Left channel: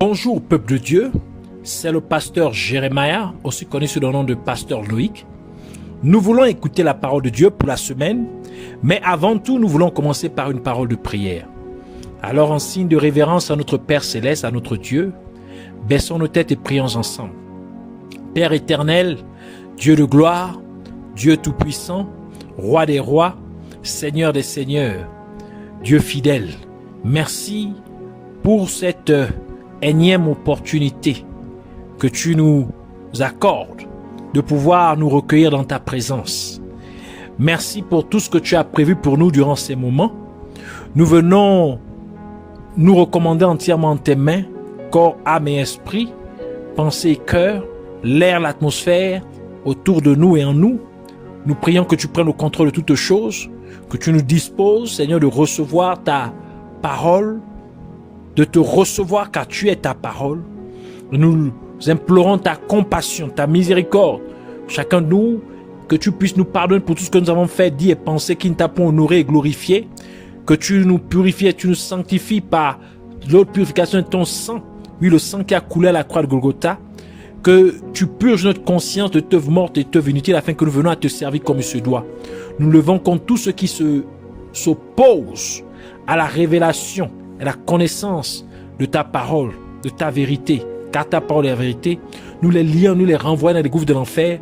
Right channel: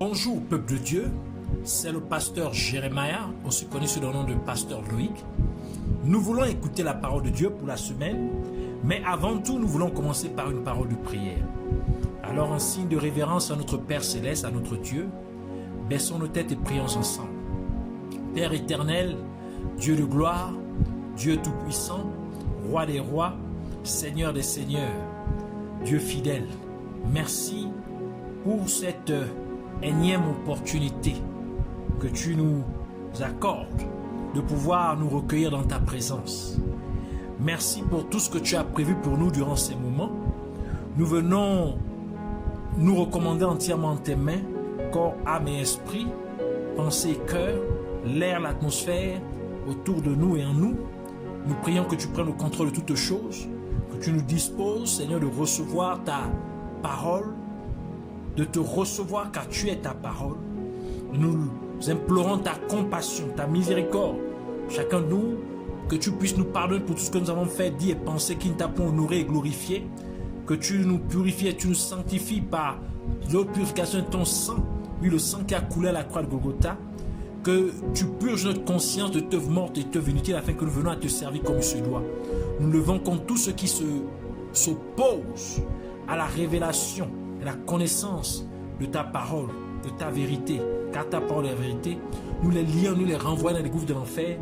Bonjour peuple de Dieu, c'est le pasteur Jérémia, aussi connu sous le nom de pasteur Loïc. Nous voulons écouter la parole de Dieu pour la semaine, mais avant tout, nous voulons commencer par une parole de prière. Alors, en signe de révérence à notre Père Céleste, à notre Dieu, baissons nos têtes et prions ensemble. Père éternel, Dieu de gloire, Dieu tout-puissant, Roi des rois, Seigneur des seigneurs, Dieu fidèle, merci pour cette énième opportunité que tu nous accordes de pouvoir nous recueillir dans ta présence. Merci pour tout ce que tu as prévu pour nous durant ces moments. Nous venons nous recommander entièrement en tes mains, corps, âme et esprit, pensée et cœur, l'air, l'atmosphère autour de nous et en nous. Nous prions que tu prennes le contrôle de toutes choses, que tu nous disposes, Seigneur, de recevoir ta parole, de te recevoir car tu es ta parole. Nous implorons ta compassion, ta miséricorde. Chacun de nous, que tu puisses nous pardonner pour tout ce que nous avons fait, dit et pensé qui ne t'a pas honoré et glorifié. Que tu nous purifies et tu nous sanctifies par l'autre purification de ton sang. Oui, le sang qui a coulé à la croix de Golgotha. Que tu purges notre conscience de teuf morte et teuf inutile afin que nous venions à te servir comme il se doit. Nous levons contre tout ce qui s'oppose à la révélation et la connaissance de ta parole, de ta vérité, car ta parole est la vérité. Nous les lions, nous les renvoyons dans les gouffres de l'enfer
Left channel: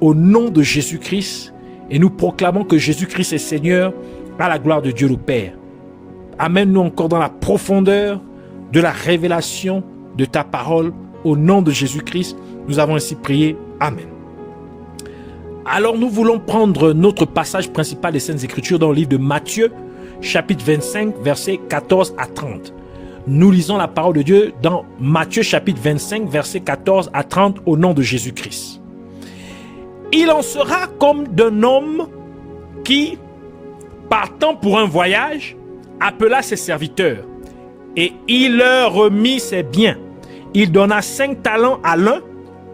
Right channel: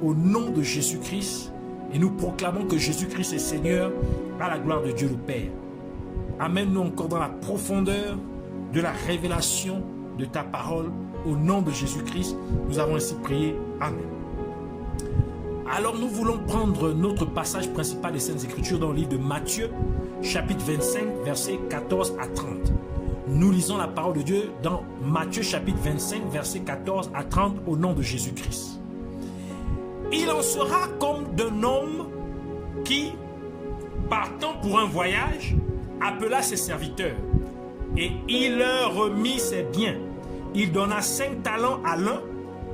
au nom de Jésus-Christ et nous proclamons que Jésus-Christ est Seigneur à la gloire de Dieu le Père. Amène-nous encore dans la profondeur de la révélation de ta parole au nom de Jésus-Christ. Nous avons ainsi prié. Amen. Alors nous voulons prendre notre passage principal des Saintes Écritures dans le livre de Matthieu, chapitre 25, versets 14 à 30. Nous lisons la parole de Dieu dans Matthieu, chapitre 25, versets 14 à 30, au nom de Jésus-Christ. Il en sera comme d'un homme qui, partant pour un voyage, appela ses serviteurs et il leur remit ses biens. Il donna 5 talents à l'un,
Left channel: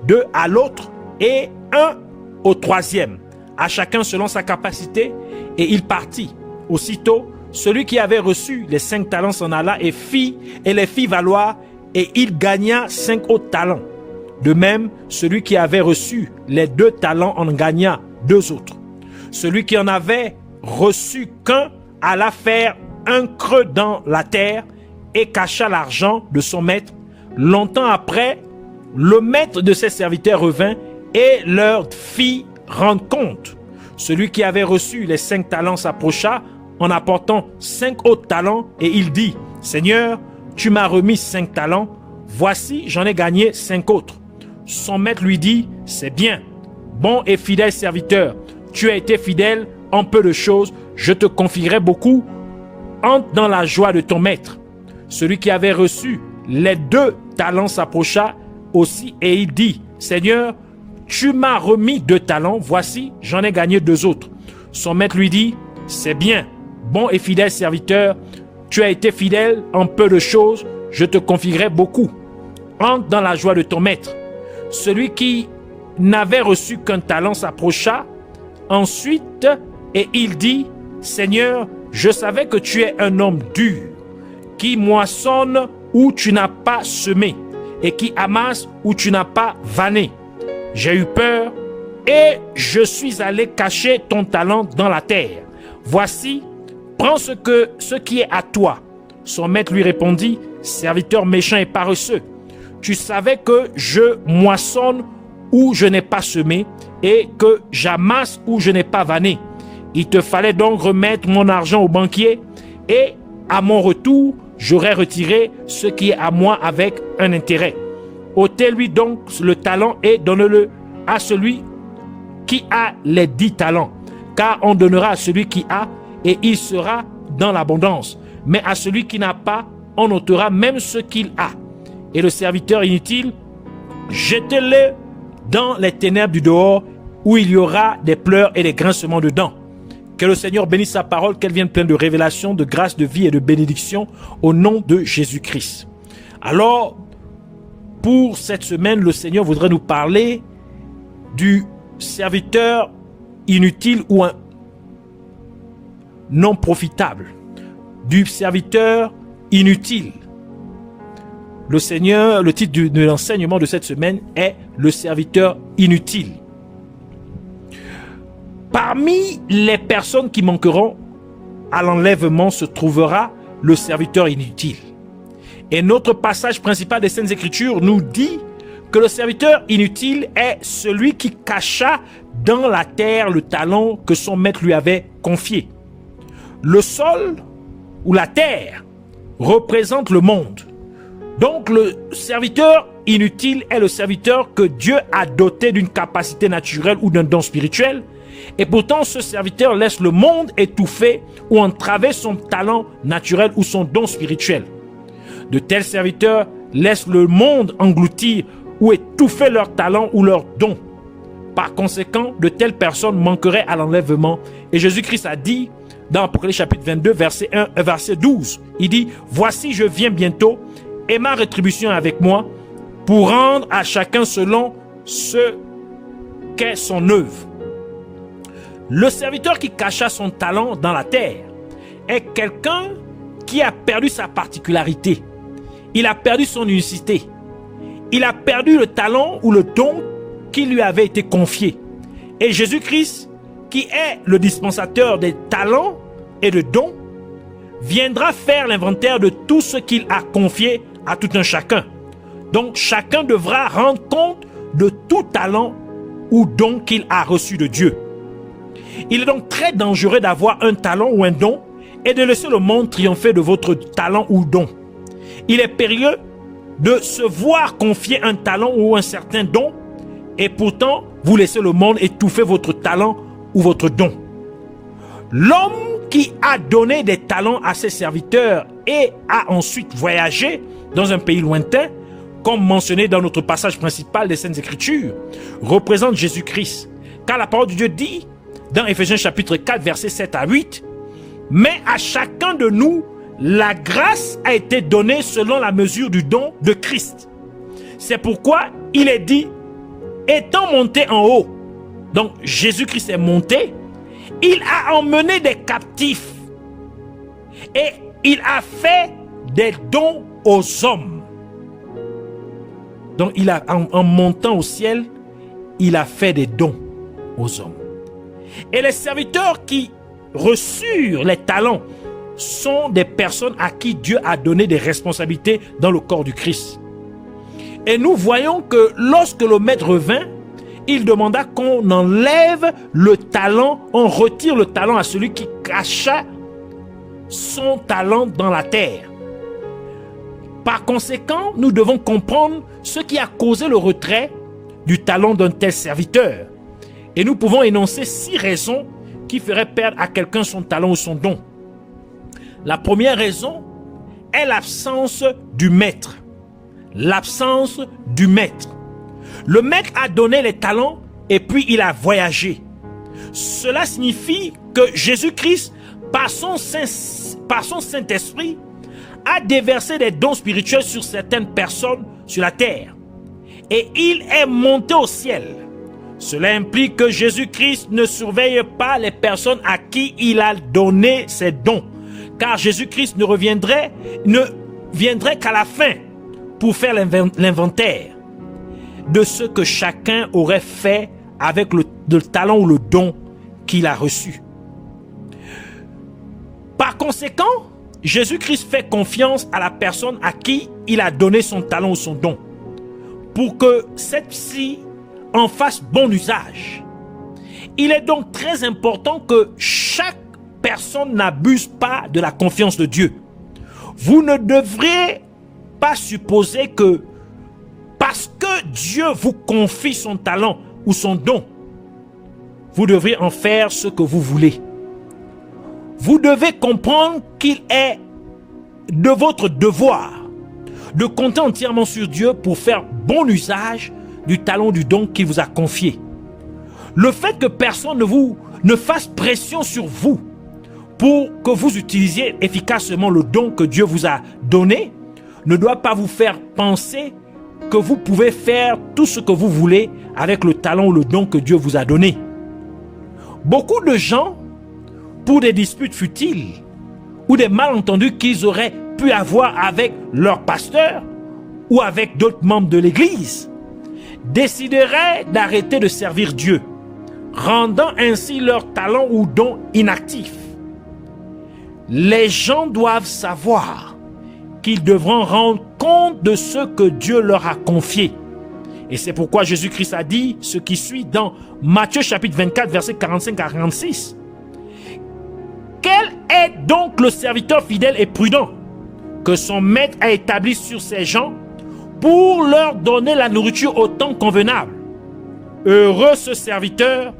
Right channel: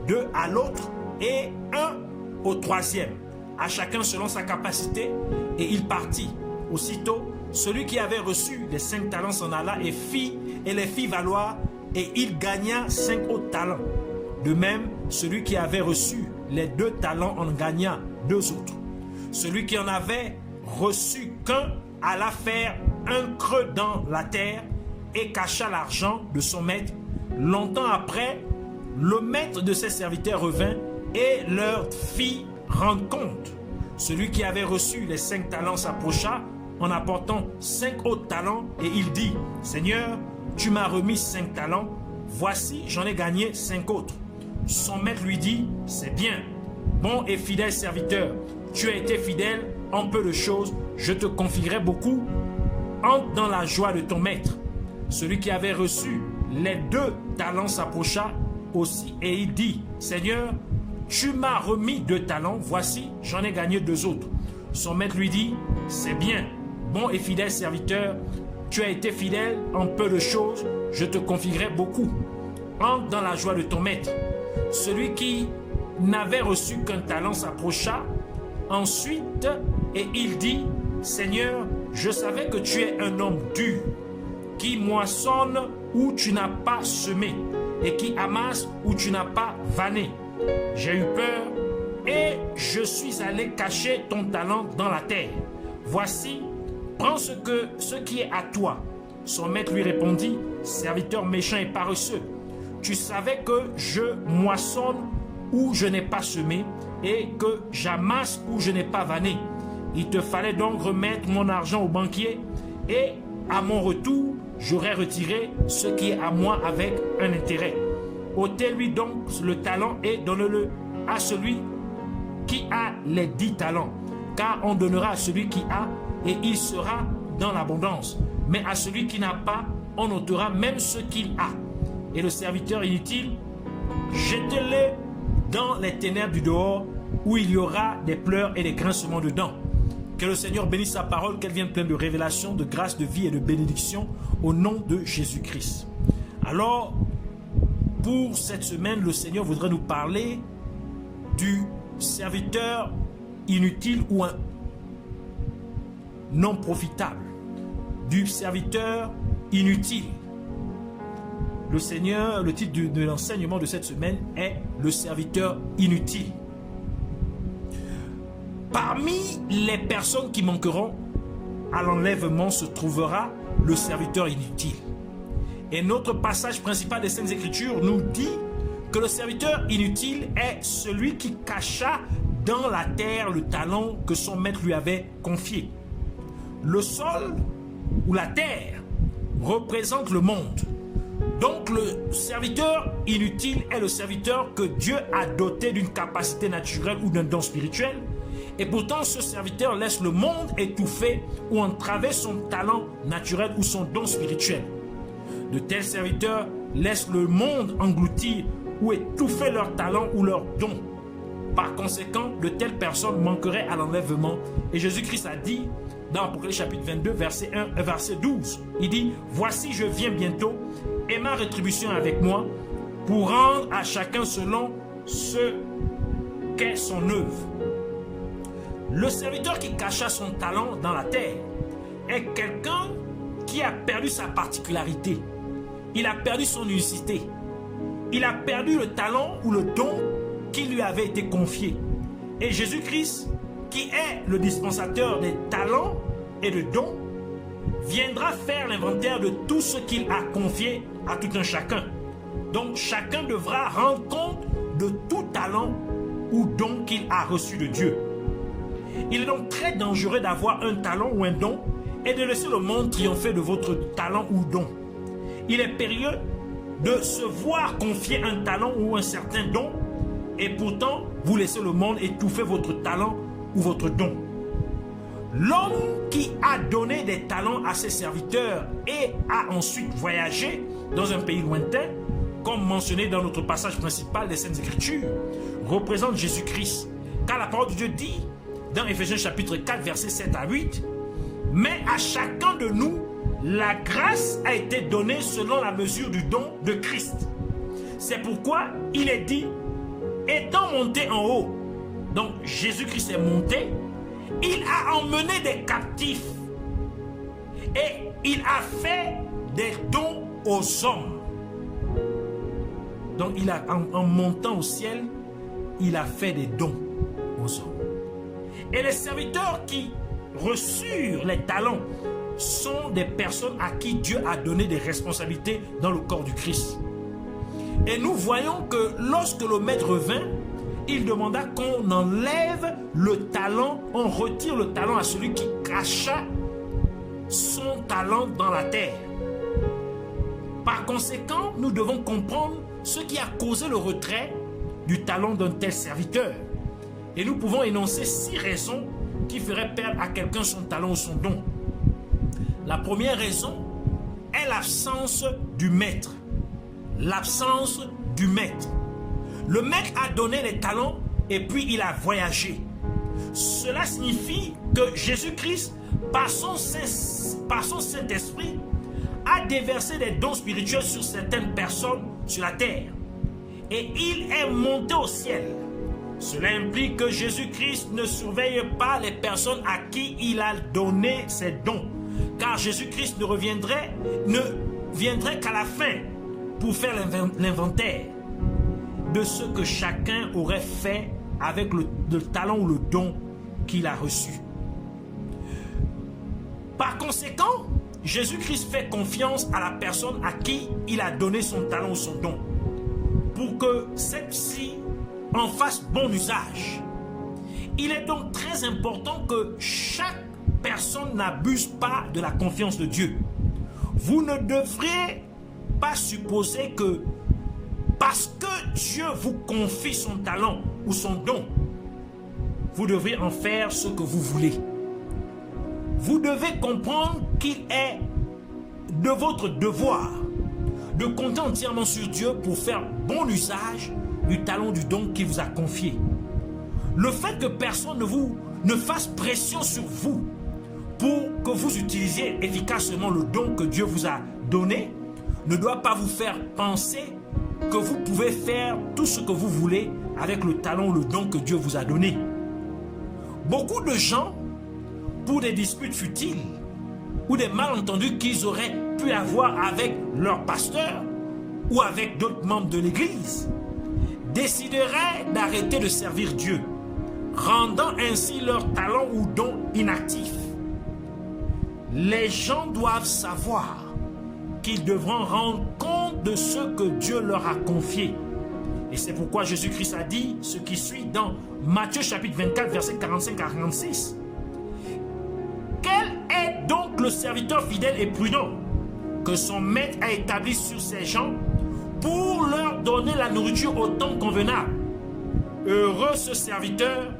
2 à l'autre et 1 au troisième, à chacun selon sa capacité, et il partit. Aussitôt, celui qui avait reçu les 5 talents s'en alla et les fit valoir, et il gagna 5 autres talents. De même, celui qui avait reçu les 2 talents en gagna 2 autres. Celui qui en avait reçu qu'un alla faire un creux dans la terre et cacha l'argent de son maître. Longtemps après, le maître de ses serviteurs revint et leur fit rendre compte. Celui qui avait reçu les 5 talents s'approcha en apportant 5 autres talents et il dit: Seigneur, tu m'as remis 5 talents, voici j'en ai gagné 5 autres. Son maître lui dit: c'est bien, bon et fidèle serviteur, tu as été fidèle en peu de choses, je te confierai beaucoup, entre dans la joie de ton maître. Celui qui avait reçu les 2 talents s'approcha aussi et il dit: Seigneur, tu m'as remis 2 talents, voici j'en ai gagné 2 autres. Son maître lui dit: c'est bien, bon et fidèle serviteur, tu as été fidèle en peu de choses, je te confierai beaucoup. Entre dans la joie de ton maître. Celui qui n'avait reçu qu'un talent s'approcha ensuite et il dit: Seigneur, je savais que tu es un homme dur, qui moissonne où tu n'as pas semé et qui amasse où tu n'as pas vanné. J'ai eu peur et je suis allé cacher ton talent dans la terre. Voici, prends ce qui est à toi. Son maître lui répondit: serviteur méchant et paresseux, tu savais que je moissonne où je n'ai pas semé et que j'amasse où je n'ai pas vanné. Il te fallait donc remettre mon argent au banquier et à mon retour, j'aurais retiré ce qui est à moi avec un intérêt. Ôtez-lui donc le talent et donne-le à celui qui a les 10 talents, car on donnera à celui qui a et il sera dans l'abondance. Mais à celui qui n'a pas, on ôtera même ce qu'il a. Et le serviteur inutile, jetez-le dans les ténèbres du dehors, où il y aura des pleurs et des grincements de dents. Que le Seigneur bénisse sa parole, qu'elle vienne pleine de révélation, de grâce, de vie et de bénédiction au nom de Jésus-Christ. Alors, pour cette semaine, le Seigneur voudrait nous parler du serviteur inutile ou un non profitable, du serviteur inutile. le titre de l'enseignement de cette semaine est le serviteur inutile. Parmi les personnes qui manqueront à l'enlèvement se trouvera le serviteur inutile. Et notre passage principal des Saintes Écritures nous dit que le serviteur inutile est celui qui cacha dans la terre le talent que son maître lui avait confié. Le sol ou la terre représente le monde. Donc le serviteur inutile est le serviteur que Dieu a doté d'une capacité naturelle ou d'un don spirituel. Et pourtant ce serviteur laisse le monde étouffer ou entraver son talent naturel ou son don spirituel. De tels serviteurs laissent le monde engloutir ou étouffer leur talent ou leur don. Par conséquent, de telles personnes manqueraient à l'enlèvement. Et Jésus-Christ a dit dans Apocalypse chapitre 22, verset 1 et verset 12, il dit « Voici, je viens bientôt, et ma rétribution est avec moi, pour rendre à chacun selon ce qu'est son œuvre. » Le serviteur qui cacha son talent dans la terre est quelqu'un qui a perdu sa particularité. Il a perdu son unicité. Il a perdu le talent ou le don qui lui avait été confié. Et Jésus-Christ, qui est le dispensateur des talents et de dons, viendra faire l'inventaire de tout ce qu'il a confié à tout un chacun. Donc chacun devra rendre compte de tout talent ou don qu'il a reçu de Dieu. Il est donc très dangereux d'avoir un talent ou un don et de laisser le monde triompher de votre talent ou don. Il est périlleux de se voir confier un talent ou un certain don et pourtant vous laissez le monde étouffer votre talent ou votre don. L'homme qui a donné des talents à ses serviteurs et a ensuite voyagé dans un pays lointain, comme mentionné dans notre passage principal des Saintes Écritures, représente Jésus-Christ. Car la parole de Dieu dit dans Éphésiens chapitre 4 versets 7 à 8, « Mais à chacun de nous, la grâce a été donnée selon la mesure du don de Christ. C'est pourquoi il est dit, étant monté en haut, donc Jésus-Christ est monté, il a emmené des captifs et il a fait des dons aux hommes. » Donc en montant au ciel, il a fait des dons aux hommes. Et les serviteurs qui reçurent les talents sont des personnes à qui Dieu a donné des responsabilités dans le corps du Christ. Et nous voyons que lorsque le maître vint, il demanda qu'on enlève le talent, on retire le talent à celui qui cacha son talent dans la terre. Par conséquent, nous devons comprendre ce qui a causé le retrait du talent d'un tel serviteur. Et nous pouvons énoncer 6 raisons qui feraient perdre à quelqu'un son talent ou son don. La première raison est l'absence du maître. L'absence du maître. Le maître a donné les talents et puis il a voyagé. Cela signifie que Jésus-Christ, par son Saint-Esprit, a déversé des dons spirituels sur certaines personnes sur la terre. Et il est monté au ciel. Cela implique que Jésus-Christ ne surveille pas les personnes à qui il a donné ses dons. Car Jésus-Christ ne viendrait qu'à la fin pour faire l'inventaire de ce que chacun aurait fait avec le talent ou le don qu'il a reçu. Par conséquent, Jésus-Christ fait confiance à la personne à qui il a donné son talent ou son don pour que celle-ci en fasse bon usage. Il est donc très important que chaque personne n'abuse pas de la confiance de Dieu. Vous ne devrez pas supposer que parce que Dieu vous confie son talent ou son don, vous devrez en faire ce que vous voulez. Vous devez comprendre qu'il est de votre devoir de compter entièrement sur Dieu pour faire bon usage du talent, du don qu'il vous a confié. Le fait que personne ne fasse pression sur vous pour que vous utilisiez efficacement le don que Dieu vous a donné ne doit pas vous faire penser que vous pouvez faire tout ce que vous voulez avec le talent ou le don que Dieu vous a donné. Beaucoup de gens, pour des disputes futiles ou des malentendus qu'ils auraient pu avoir avec leur pasteur, ou avec d'autres membres de l'Église, décideraient d'arrêter de servir Dieu, rendant ainsi leur talent ou don inactif, les gens doivent savoir qu'ils devront rendre compte de ce que Dieu leur a confié. Et c'est pourquoi Jésus-Christ a dit ce qui suit dans Matthieu chapitre 24, versets 45 à 46. Quel est donc le serviteur fidèle et prudent que son maître a établi sur ses gens pour leur donner la nourriture au temps convenable? Heureux ce serviteur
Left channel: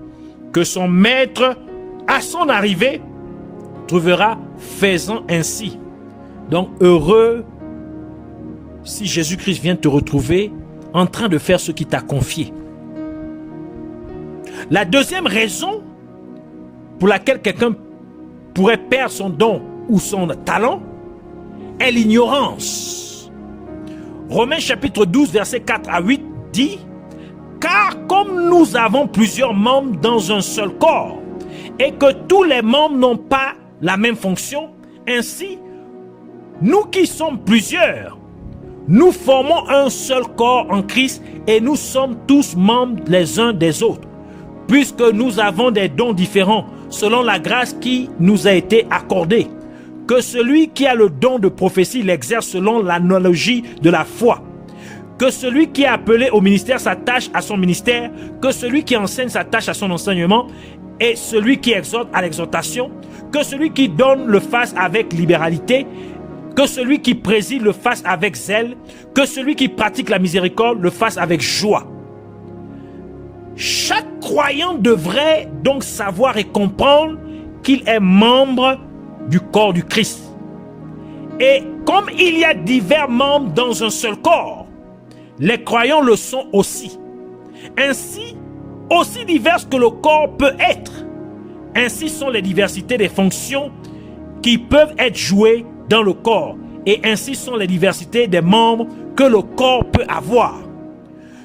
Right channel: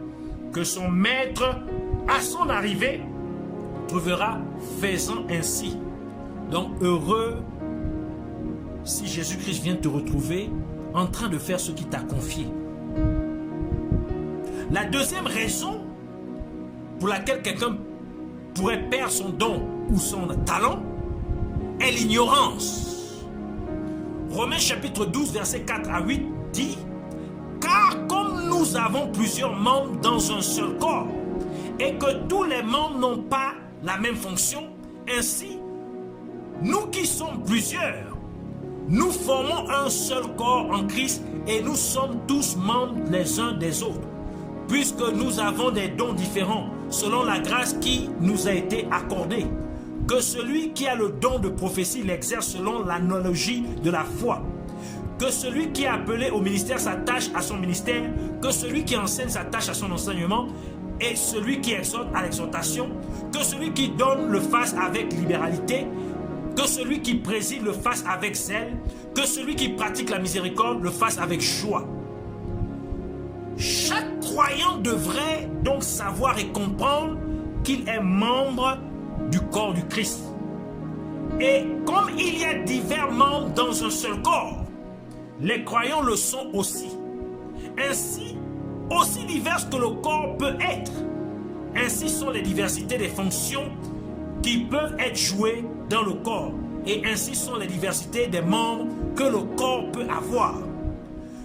que son maître, à son arrivée, trouvera faisant ainsi. Donc heureux si Jésus-Christ vient te retrouver en train de faire ce qu'il t'a confié. La deuxième raison pour laquelle quelqu'un pourrait perdre son don ou son talent est l'ignorance. Romains chapitre 12 versets 4 à 8 dit: car comme nous avons plusieurs membres dans un seul corps et que tous les membres n'ont pas la même fonction, ainsi nous qui sommes plusieurs, nous formons un seul corps en Christ et nous sommes tous membres les uns des autres, puisque nous avons des dons différents selon la grâce qui nous a été accordée. Que celui qui a le don de prophétie l'exerce selon l'analogie de la foi. Que celui qui est appelé au ministère s'attache à son ministère, que celui qui enseigne s'attache à son enseignement, et celui qui exhorte à l'exhortation, que celui qui donne le fasse avec libéralité, que celui qui préside le fasse avec zèle, que celui qui pratique la miséricorde le fasse avec joie. Chaque croyant devrait donc savoir et comprendre qu'il est membre du corps du Christ. Et comme il y a divers membres dans un seul corps, les croyants le sont aussi. Ainsi, aussi divers que le corps peut être, ainsi sont les diversités des fonctions qui peuvent être jouées dans le corps, et ainsi sont les diversités des membres que le corps peut avoir.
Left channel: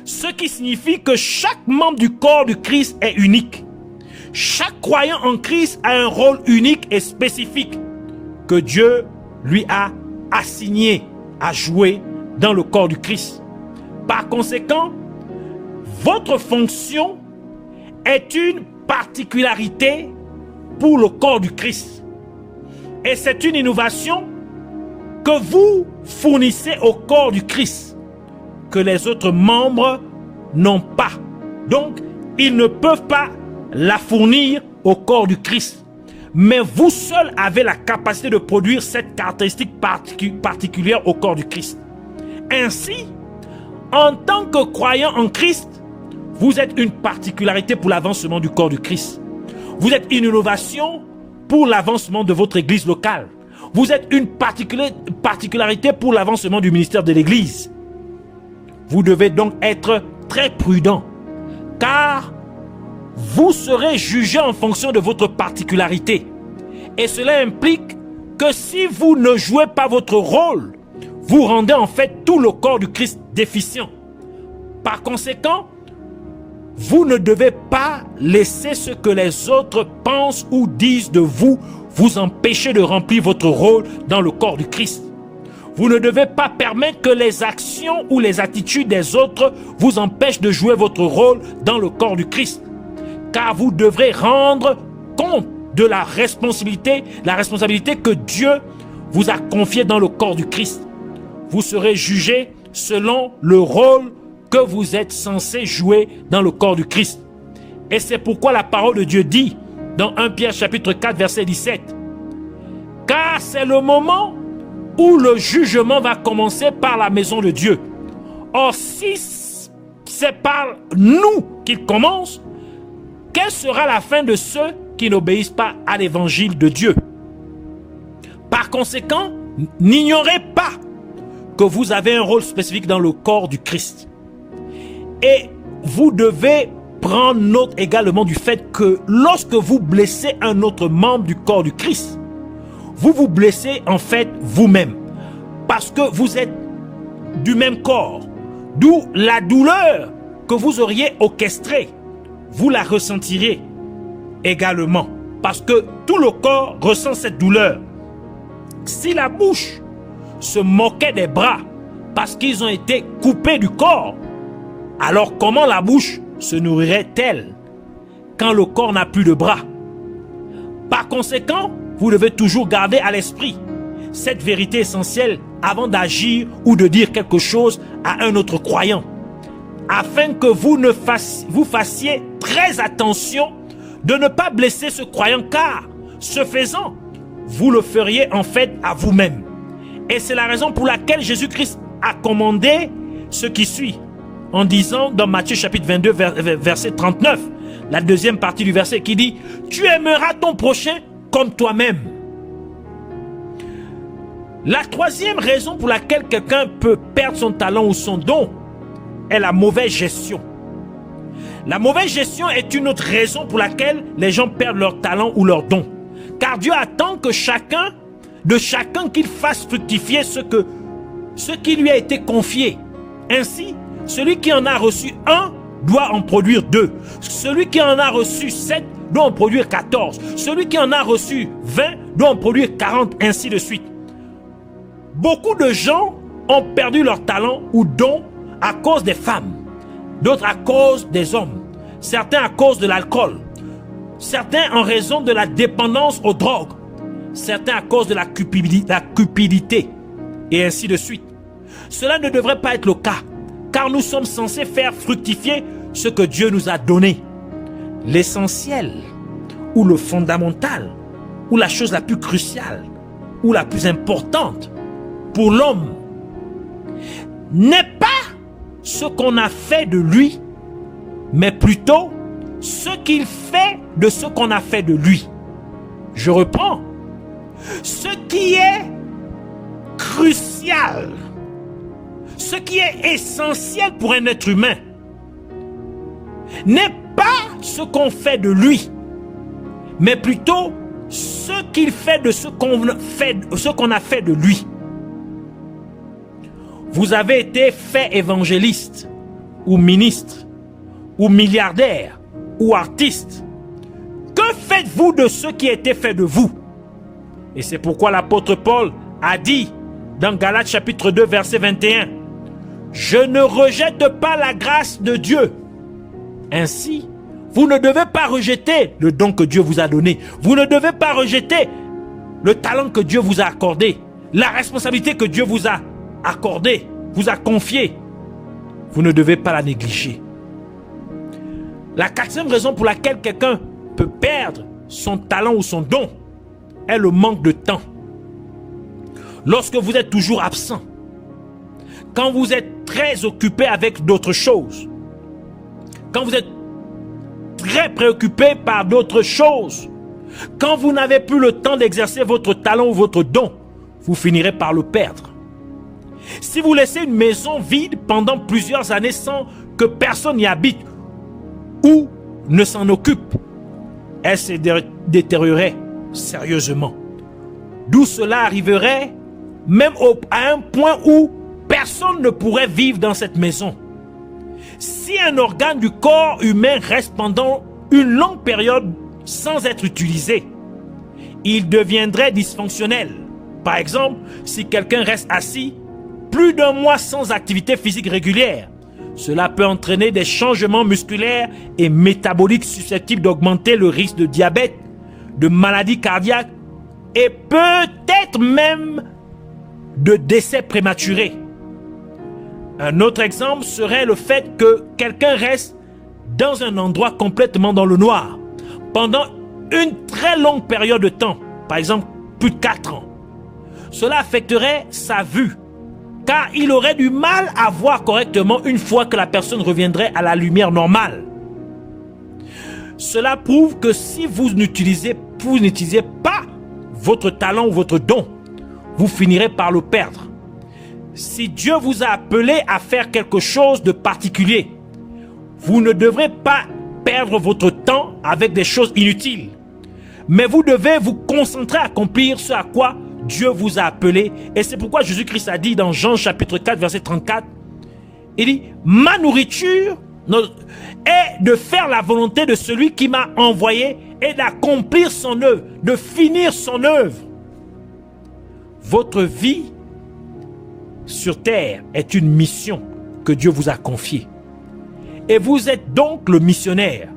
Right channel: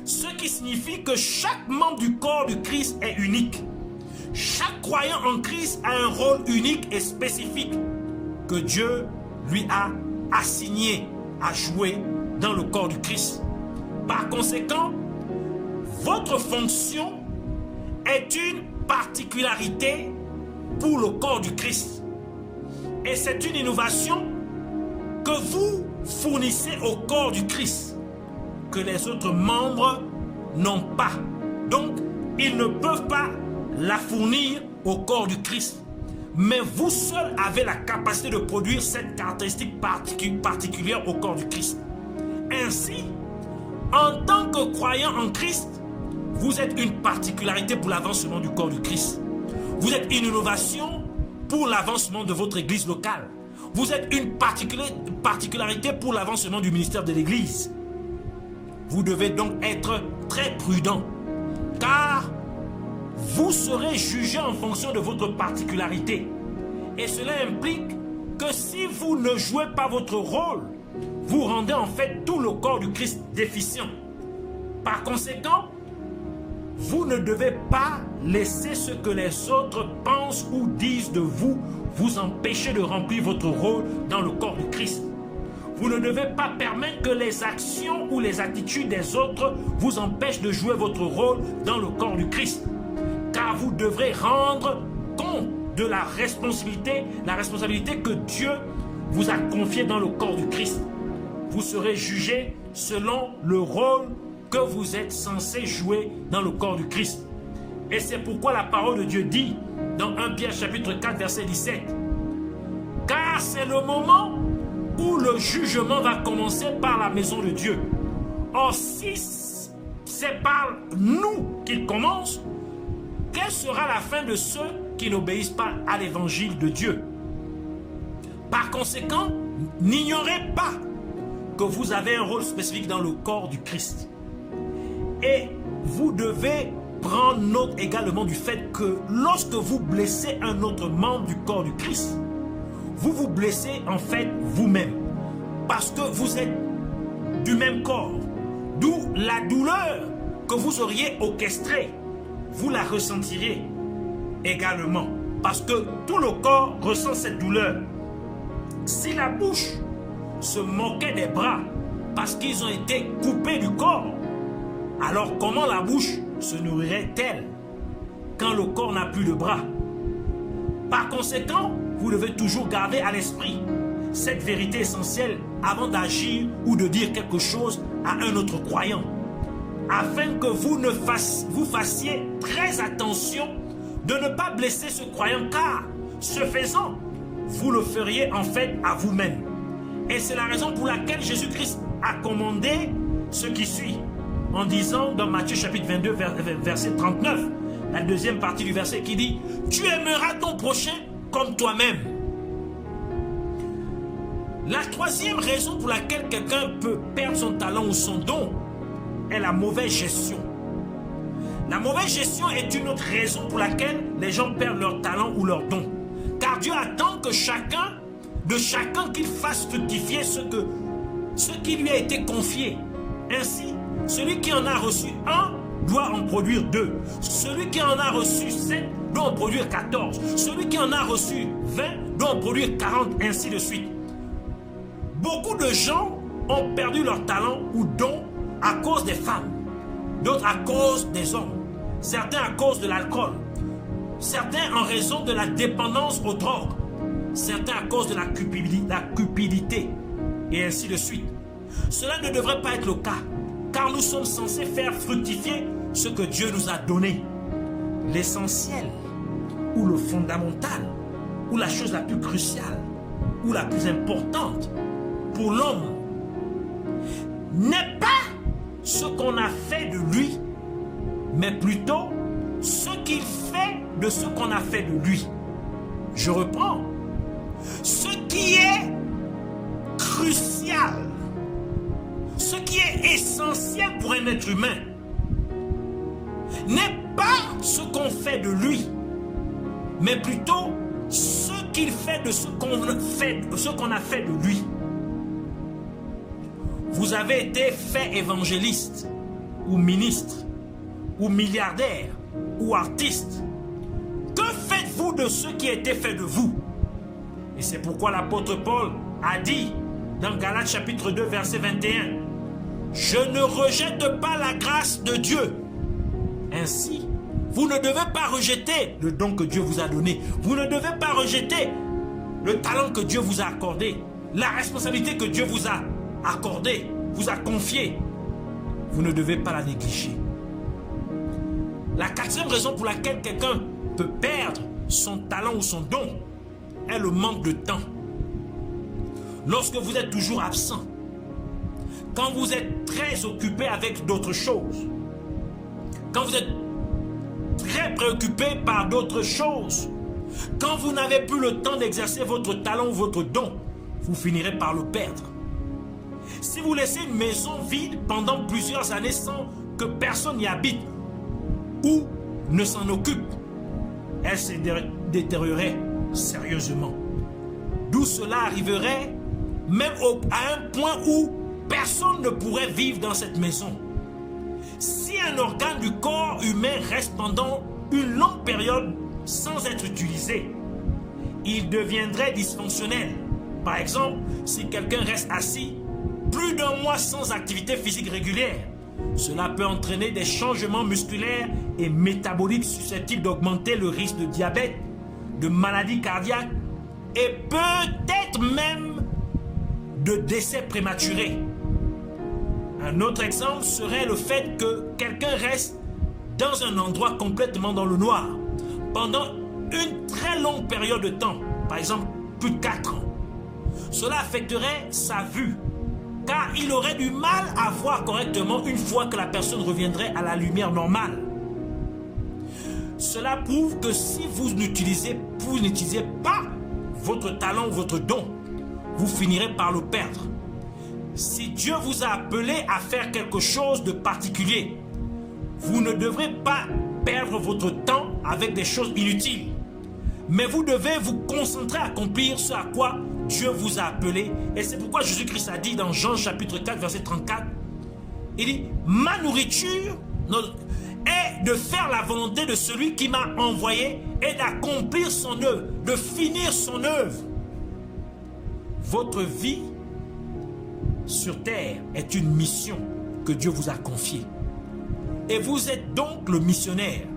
Ce qui signifie que chaque membre du corps du Christ est unique. Chaque croyant en Christ a un rôle unique et spécifique que Dieu lui a assigné à jouer dans le corps du Christ. Par conséquent, votre fonction est une particularité pour le corps du Christ. Et c'est une innovation que vous fournissez au corps du Christ, que les autres membres n'ont pas. Donc, ils ne peuvent pas la fournir au corps du Christ. Mais vous seul avez la capacité de produire cette caractéristique particulière au corps du Christ. Ainsi, en tant que croyant en Christ, vous êtes une particularité pour l'avancement du corps du Christ. Vous êtes une innovation pour l'avancement de votre église locale. Vous êtes une particularité pour l'avancement du ministère de l'église. Vous devez donc être très prudent, car vous serez jugé en fonction de votre particularité. Et cela implique que si vous ne jouez pas votre rôle, vous rendez en fait tout le corps du Christ déficient. Par conséquent, vous ne devez pas laisser ce que les autres pensent ou disent de vous vous empêcher de remplir votre rôle dans le corps du Christ. Vous ne devez pas permettre que les actions ou les attitudes des autres vous empêchent de jouer votre rôle dans le corps du Christ. Car vous devrez rendre compte de la responsabilité que Dieu vous a confiée dans le corps du Christ. Vous serez jugé selon le rôle que vous êtes censé jouer dans le corps du Christ. Et c'est pourquoi la parole de Dieu dit dans 1 Pierre chapitre 4 verset 17: car c'est le moment où le jugement va commencer par la maison de Dieu. Or, si c'est par nous qu'il commence, quelle sera la fin de ceux qui n'obéissent pas à l'évangile de Dieu? Par conséquent, n'ignorez pas que vous avez un rôle spécifique dans le corps du Christ. Et vous devez prendre note également du fait que lorsque vous blessez un autre membre du corps du Christ, vous vous blessez en fait vous-même, parce que vous êtes du même corps. D'où la douleur que vous auriez orchestrée, vous la ressentirez également, parce que tout le corps ressent cette douleur. Si la bouche se moquait des bras, parce qu'ils ont été coupés du corps. Alors comment la bouche se nourrirait-elle quand le corps n'a plus de bras? Par conséquent, vous devez toujours garder à l'esprit cette vérité essentielle avant d'agir ou de dire quelque chose à un autre croyant, afin que vous fassiez très attention de ne pas blesser ce croyant, car ce faisant, vous le feriez en fait à vous-même. Et c'est la raison pour laquelle Jésus-Christ a commandé ce qui suit, en disant dans Matthieu chapitre 22, verset 39, la deuxième partie du verset qui dit « Tu aimeras ton prochain comme toi-même ». La troisième raison pour laquelle quelqu'un peut perdre son talent ou son don est la mauvaise gestion. La mauvaise gestion est une autre raison pour laquelle les gens perdent leur talent ou leur don. Car Dieu attend que chacun qu'il fasse fructifier ce qui lui a été confié. Ainsi, celui qui en a reçu un doit en produire 2. Celui qui en a reçu 7 doit en produire 14. Celui qui en a reçu 20 doit en produire 40, ainsi de suite. Beaucoup de gens ont perdu leur talent ou don à cause des femmes, d'autres à cause des hommes, certains à cause de l'alcool, certains en raison de la dépendance aux drogues, certains à cause de la cupidité, et ainsi de suite. Cela ne devrait pas être le cas, car nous sommes censés faire fructifier ce que Dieu nous a donné. L'essentiel, ou le fondamental, ou la chose la plus cruciale, ou la plus importante pour l'homme, n'est pas ce qu'on a fait de lui, mais plutôt ce qu'il fait de ce qu'on a fait de lui. Je reprends. Ce qui est crucial, ce qui est essentiel pour un être humain, n'est pas ce qu'on fait de lui, mais plutôt ce qu'il fait de ce qu'on a fait de lui. Vous avez été fait évangéliste, ou ministre, ou milliardaire, ou artiste. Que faites-vous de ce qui a été fait de vous? Et c'est pourquoi l'apôtre Paul a dit dans Galates chapitre 2 verset 21, « Je ne rejette pas la grâce de Dieu. » Ainsi, vous ne devez pas rejeter le don que Dieu vous a donné. Vous ne devez pas rejeter le talent que Dieu vous a accordé, la responsabilité que Dieu vous a accordée, vous a confiée. Vous ne devez pas la négliger. La quatrième raison pour laquelle quelqu'un peut perdre son talent ou son don est le manque de temps. Lorsque vous êtes toujours absent, quand vous êtes très occupé avec d'autres choses, quand vous êtes très préoccupé par d'autres choses, quand vous n'avez plus le temps d'exercer votre talent ou votre don, vous finirez par le perdre. Si vous laissez une maison vide pendant plusieurs années sans que personne n'y habite ou ne s'en occupe, elle se détériorerait sérieusement. D'où cela arriverait même à un point où personne ne pourrait vivre dans cette maison. Si un organe du corps humain reste pendant une longue période sans être utilisé, il deviendrait dysfonctionnel. Par exemple, si quelqu'un reste assis plus d'un mois sans activité physique régulière, cela peut entraîner des changements musculaires et métaboliques susceptibles d'augmenter le risque de diabète, de maladies cardiaques et peut-être même de décès prématurés. Un autre exemple serait le fait que quelqu'un reste dans un endroit complètement dans le noir pendant une très longue période de temps, par exemple plus de 4 ans. Cela affecterait sa vue, car il aurait du mal à voir correctement une fois que la personne reviendrait à la lumière normale. Cela prouve que si vous n'utilisez pas votre talent ou votre don, vous finirez par le perdre. Si Dieu vous a appelé à faire quelque chose de particulier, vous ne devrez pas perdre votre temps avec des choses inutiles, mais vous devez vous concentrer à accomplir ce à quoi Dieu vous a appelé. Et c'est pourquoi Jésus-Christ a dit dans Jean chapitre 4 verset 34, il dit « Ma nourriture est de faire la volonté de celui qui m'a envoyé et d'accomplir son œuvre, de finir son œuvre. » Votre vie sur terre est une mission que Dieu vous a confiée. Et vous êtes donc le missionnaire.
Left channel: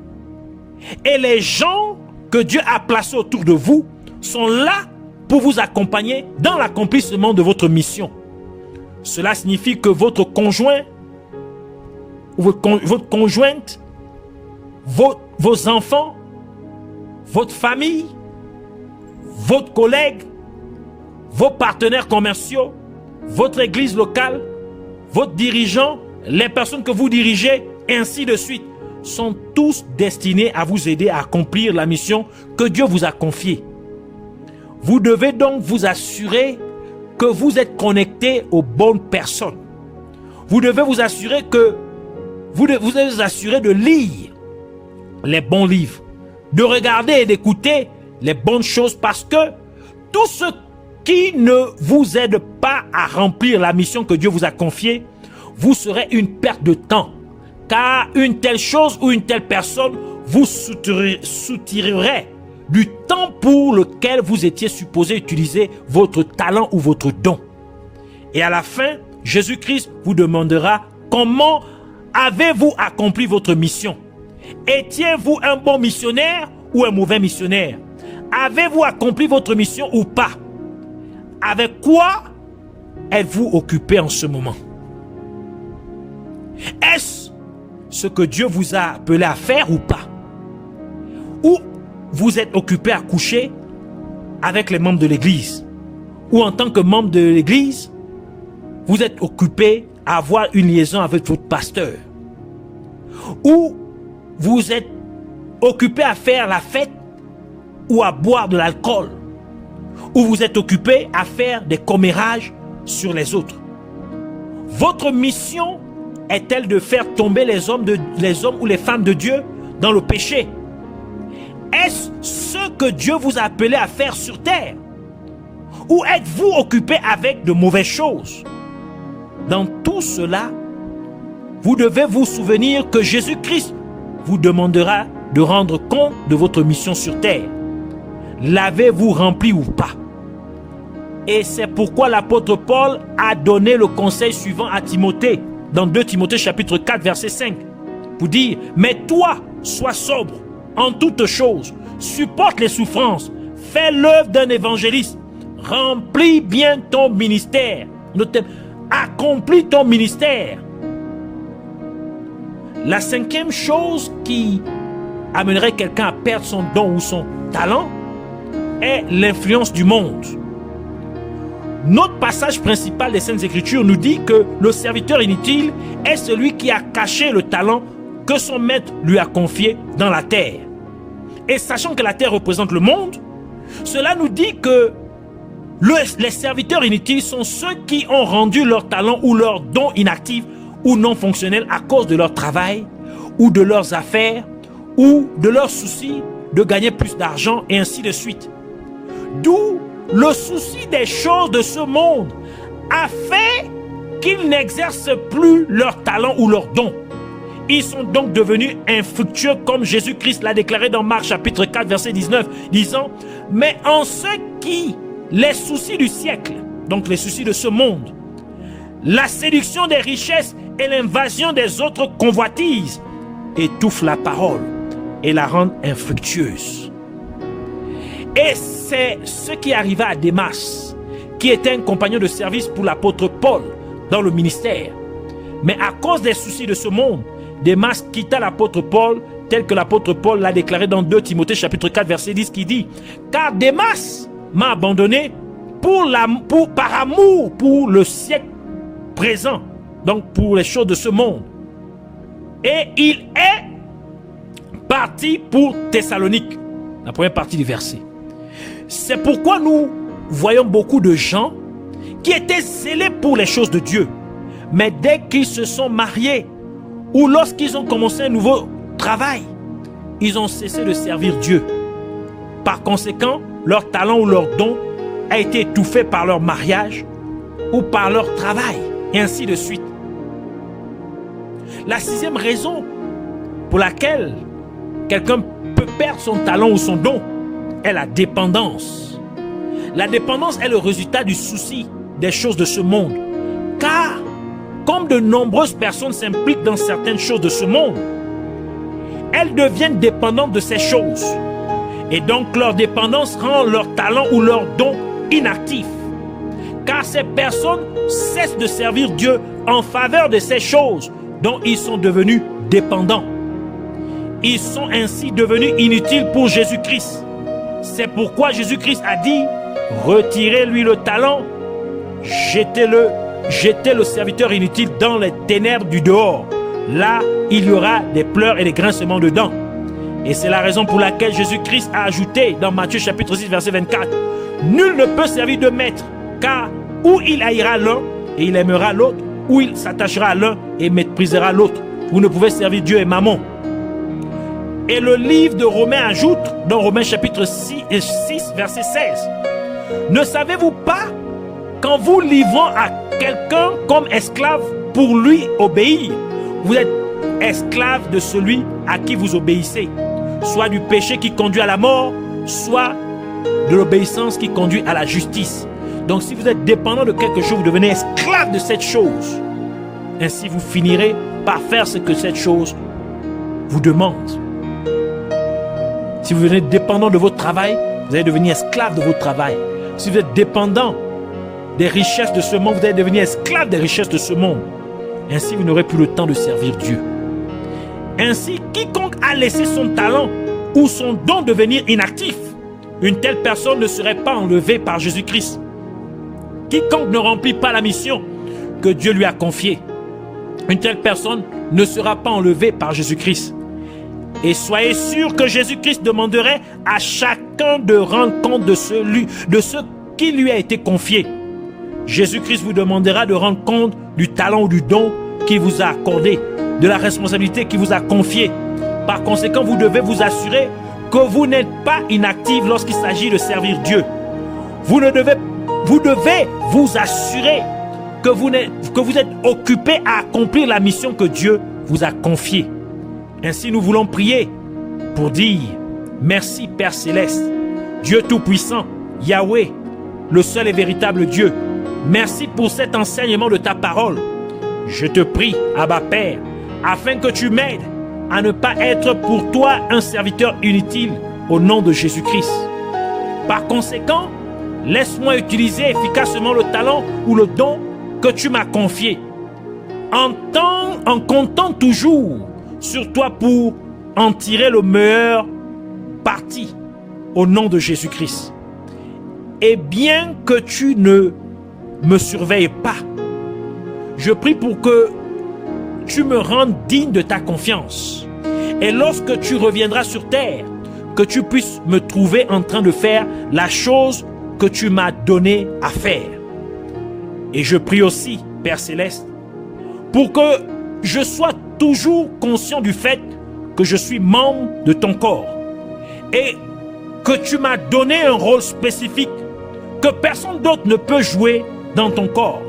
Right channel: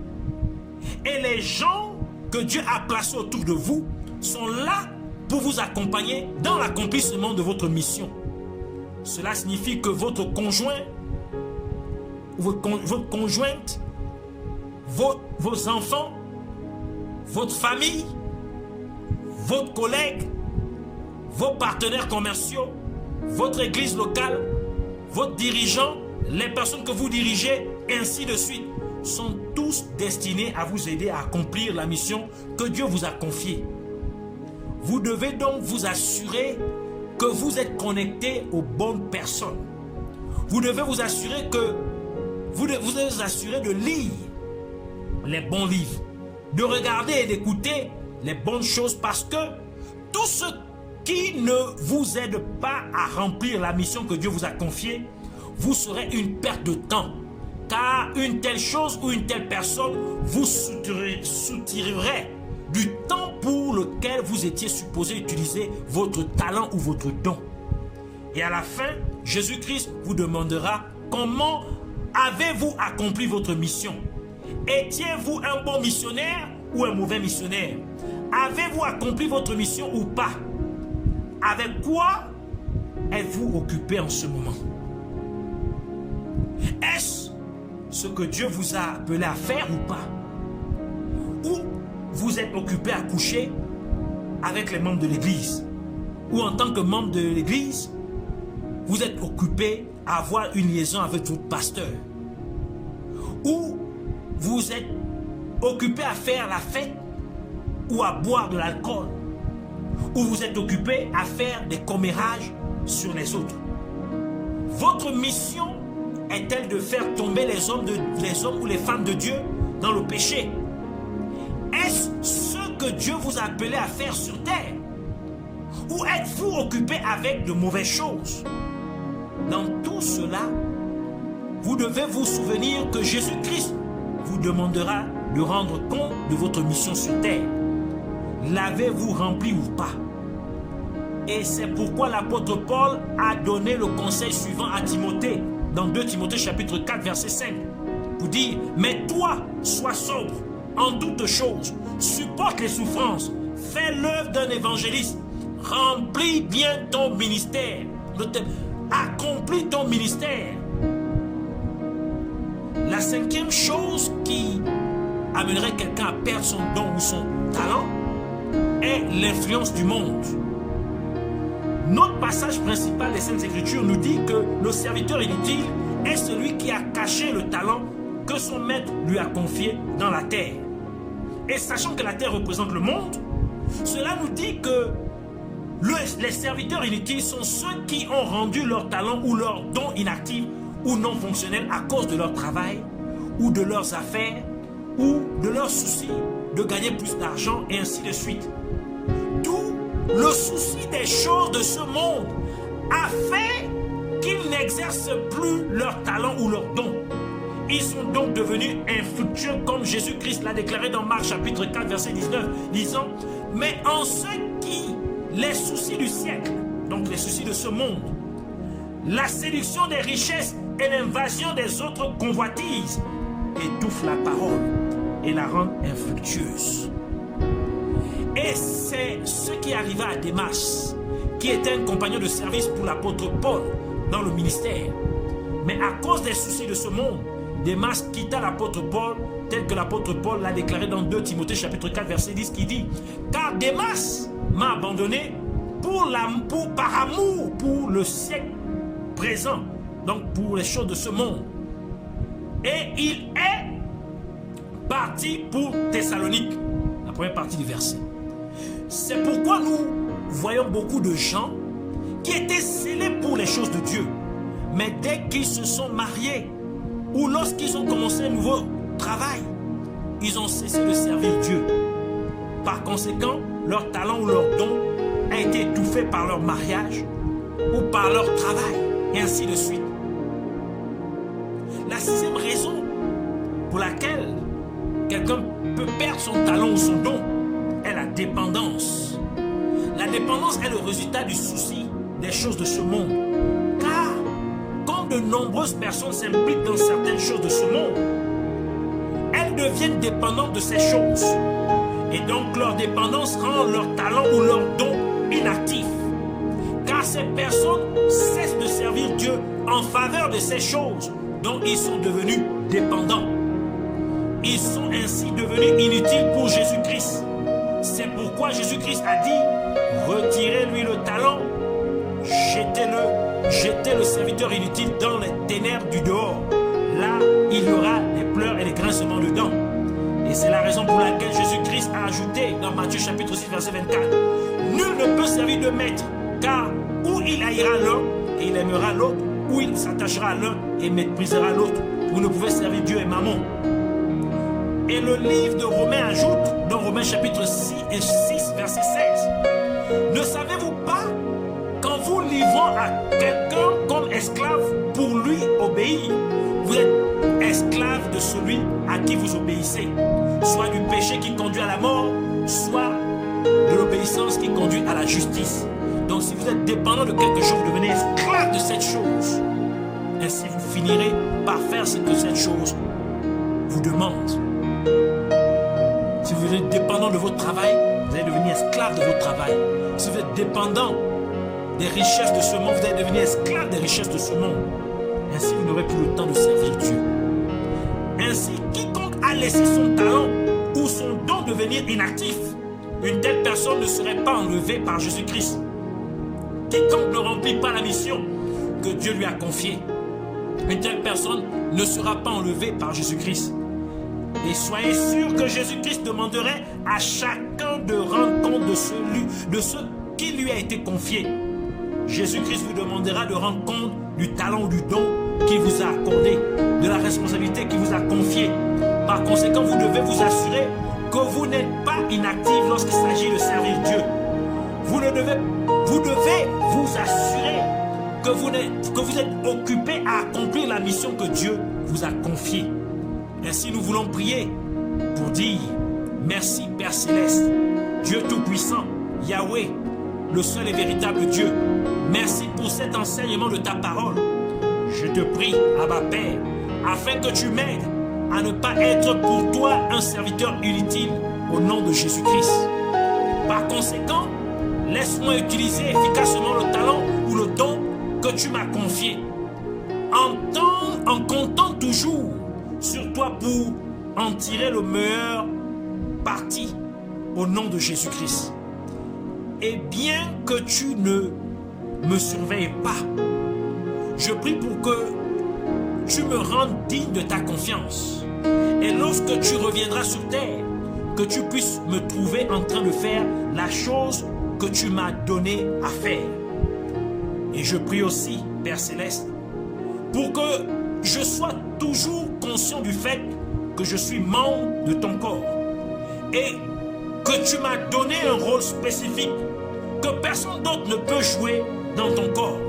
Et les gens que Dieu a placés autour de vous sont là pour vous accompagner dans l'accomplissement de votre mission. Cela signifie que votre conjoint, votre conjointe, vos enfants, votre famille, votre collègue, vos partenaires commerciaux, votre église locale, votre dirigeant, les personnes que vous dirigez, et ainsi de suite, sont tous destinés à vous aider à accomplir la mission que Dieu vous a confiée. Vous devez donc vous assurer que vous êtes connecté aux bonnes personnes. Vous devez vous assurer de lire les bons livres, de regarder et d'écouter les bonnes choses, parce que tout ce qui ne vous aide pas à remplir la mission que Dieu vous a confiée, vous serez une perte de temps, car une telle chose ou une telle personne vous soutirerait du temps pour lequel vous étiez supposé utiliser votre talent ou votre don. Et à la fin, Jésus-Christ vous demandera: comment avez-vous accompli votre mission? Étiez-vous un bon missionnaire ou un mauvais missionnaire? Avez-vous accompli votre mission ou pas? Avec quoi êtes-vous occupé en ce moment? Est-ce ce que Dieu vous a appelé à faire ou pas? Ou vous êtes occupé à coucher avec les membres de l'église? Ou en tant que membre de l'église, vous êtes occupé à avoir une liaison avec votre pasteur? Ou vous êtes occupé à faire la fête ou à boire de l'alcool? Ou vous êtes occupé à faire des commérages sur les autres? Votre mission est-elle de faire tomber les hommes ou les femmes de Dieu dans le péché? Est-ce ce que Dieu vous a appelé à faire sur terre? Ou êtes-vous occupé avec de mauvaises choses? Dans tout cela, vous devez vous souvenir que Jésus-Christ vous demandera de rendre compte de votre mission sur terre. L'avez-vous rempli ou pas? Et c'est pourquoi l'apôtre Paul a donné le conseil suivant à Timothée, dans 2 Timothée chapitre 4 verset 5, pour dire: mais toi, sois sobre en toutes choses, supporte les souffrances, fais l'œuvre d'un évangéliste, remplis bien ton ministère, accomplis ton ministère. La cinquième chose qui amènerait quelqu'un à perdre son don ou son talent est l'influence du monde. Notre passage principal des Saintes Écritures nous dit que le serviteur inutile est celui qui a caché le talent que son maître lui a confié dans la terre. Et sachant que la terre représente le monde, cela nous dit que les serviteurs inutiles sont ceux qui ont rendu leur talent ou leur don inactif ou non fonctionnel à cause de leur travail ou de leurs affaires ou de leur souci de gagner plus d'argent, et ainsi de suite. D'où le souci des choses de ce monde a fait qu'ils n'exercent plus leur talent ou leur don. Ils sont donc devenus infructueux, comme Jésus-Christ l'a déclaré dans Marc chapitre 4 verset 19, disant: mais en ce qui les soucis du siècle, donc les soucis de ce monde, la séduction des richesses et l'invasion des autres convoitises étouffent la parole et la rendent infructueuse. Et c'est ce qui arriva à Démas, qui était un compagnon de service pour l'apôtre Paul dans le ministère. Mais à cause des soucis de ce monde, Démas quitta l'apôtre Paul, tel que l'apôtre Paul l'a déclaré dans 2 Timothée chapitre 4 verset 10, qui dit: car Démas m'a abandonné par amour pour le siècle présent, donc pour les choses de ce monde. Et il est parti pour Thessalonique, la première partie du verset. C'est pourquoi nous voyons beaucoup de gens qui étaient zélés pour les choses de Dieu, mais dès qu'ils se sont mariés ou lorsqu'ils ont commencé un nouveau travail, ils ont cessé de servir Dieu. Par conséquent, leur talent ou leur don a été étouffé par leur mariage ou par leur travail, et ainsi de suite. La sixième raison pour laquelle quelqu'un peut perdre son talent ou son don est la dépendance. La dépendance est le résultat du souci des choses de ce monde, car comme de nombreuses personnes s'impliquent dans certaines choses de ce monde, elles deviennent dépendantes de ces choses. Et donc leur dépendance rend leur talent ou leur don inactif. Car ces personnes cessent de servir Dieu en faveur de ces choses dont ils sont devenus dépendants. Ils sont ainsi devenus inutiles pour Jésus-Christ. C'est pourquoi Jésus-Christ a dit, retirez-lui le talent, jetez le serviteur inutile dans les ténèbres du dehors. Là, il y aura des pleurs et des grincements de dents. Et c'est la raison pour laquelle Jésus-Christ a ajouté dans Matthieu chapitre 6 verset 24, nul ne peut servir de maître, car ou il haïra l'un et il aimera l'autre, ou il s'attachera à l'un et méprisera l'autre. Vous ne pouvez servir Dieu et Mammon. Et le livre de Romains ajoute, dans Romains chapitre 6 verset 16, ne savez-vous pas qu'en vous livrant à quelqu'un comme esclave pour lui obéir, vous êtes esclave de celui à qui vous obéissez, soit du péché qui conduit à la mort, soit de l'obéissance qui conduit à la justice. Donc si vous êtes dépendant de quelque chose, vous devenez esclave de cette chose. Ainsi vous finirez par faire ce que cette chose vous demande. Si vous êtes dépendant de votre travail, vous allez devenir esclave de votre travail. Si vous êtes dépendant des richesses de ce monde, vous allez devenir esclave des richesses de ce monde. Ainsi vous n'aurez plus le temps de servir Dieu. Ainsi, quiconque a laissé son talent ou son don devenir inactif, une telle personne ne serait pas enlevée par Jésus-Christ. Quiconque ne remplit pas la mission que Dieu lui a confiée, une telle personne ne sera pas enlevée par Jésus-Christ. Et soyez sûr que Jésus-Christ demanderait à chacun de rendre compte de ce qui lui a été confié. Jésus-Christ vous demandera de rendre compte du talent ou du don qu'il vous a accordé, de la responsabilité qu'il vous a confiée. Par conséquent, vous devez vous assurer que vous n'êtes pas inactif lorsqu'il s'agit de servir Dieu. Vous devez vous assurer que vous êtes occupé à accomplir la mission que Dieu vous a confiée. Ainsi, nous voulons prier pour dire merci Père Céleste, Dieu Tout-Puissant, Yahweh, le seul et véritable Dieu. Merci pour cet enseignement de ta parole. Je te prie, Abba Père, afin que tu m'aides à ne pas être pour toi un serviteur inutile au nom de Jésus-Christ. Par conséquent, laisse-moi utiliser efficacement le talent ou le don que tu m'as confié, en comptant toujours sur toi pour en tirer le meilleur parti au nom de Jésus-Christ. Et bien que tu ne me surveilles pas, je prie pour que tu me rendes digne de ta confiance. Et lorsque tu reviendras sur terre, que tu puisses me trouver en train de faire la chose que tu m'as donné à faire. Et je prie aussi, Père Céleste, pour que je sois toujours conscient du fait que je suis membre de ton corps et que tu m'as donné un rôle spécifique que personne d'autre ne peut jouer dans ton corps.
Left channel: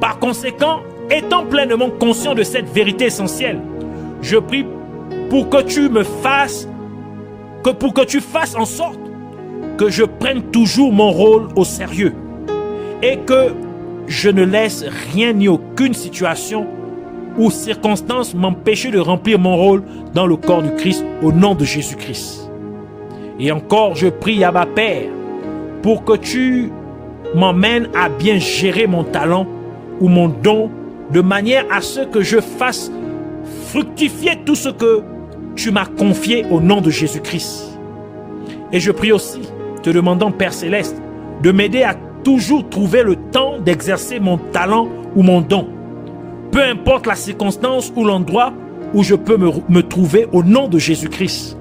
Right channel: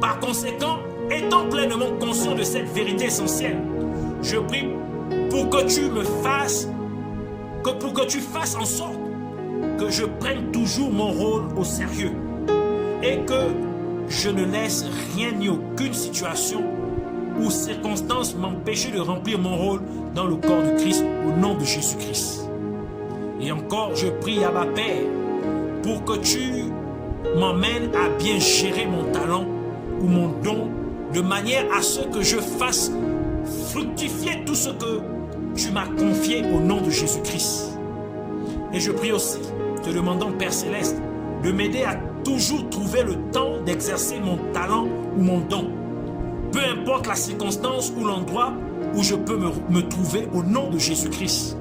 Par conséquent, étant pleinement conscient de cette vérité essentielle, je prie pour que tu fasses en sorte que je prenne toujours mon rôle au sérieux et que je ne laisse rien ni aucune situation ou circonstance m'empêcher de remplir mon rôle dans le corps du Christ au nom de Jésus-Christ. Et encore, je prie Abba Père pour que tu m'emmènes à bien gérer mon talent ou mon don de manière à ce que je fasse fructifier tout ce que tu m'as confié au nom de Jésus-Christ. Et je prie aussi, te demandant, Père Céleste, de m'aider à toujours trouver le temps d'exercer mon talent ou mon don, peu importe la circonstance ou l'endroit où je peux me trouver au nom de Jésus-Christ.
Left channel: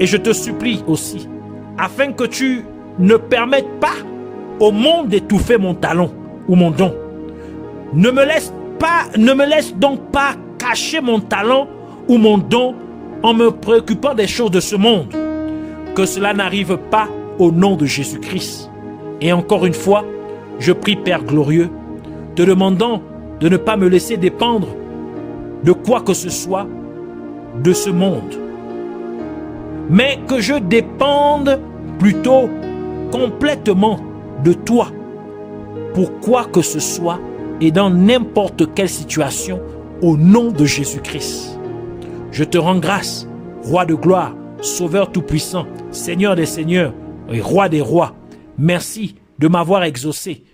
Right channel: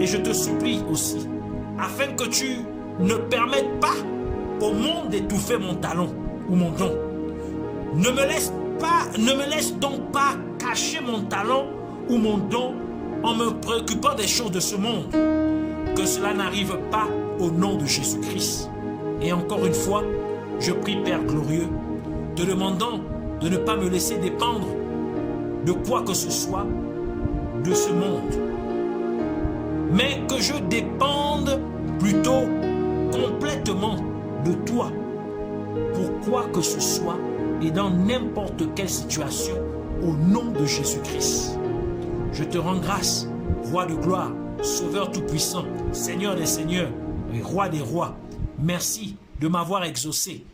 Et je te supplie aussi, afin que tu ne permettes pas au monde d'étouffer mon talent ou mon don. Ne me laisse donc pas cacher mon talent ou mon don en me préoccupant des choses de ce monde. Que cela n'arrive pas au nom de Jésus-Christ. Et encore une fois, je prie Père glorieux, te demandant de ne pas me laisser dépendre de quoi que ce soit de ce monde, mais que je dépende plutôt complètement de toi pour quoi que ce soit et dans n'importe quelle situation au nom de Jésus-Christ. Je te rends grâce, Roi de gloire, Sauveur tout-puissant, Seigneur des seigneurs et Roi des rois. Merci de m'avoir exaucé.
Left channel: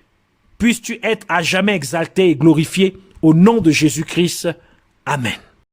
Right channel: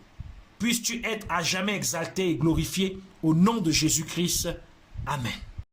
Puisses-tu être à jamais exalté et glorifié au nom de Jésus-Christ. Amen.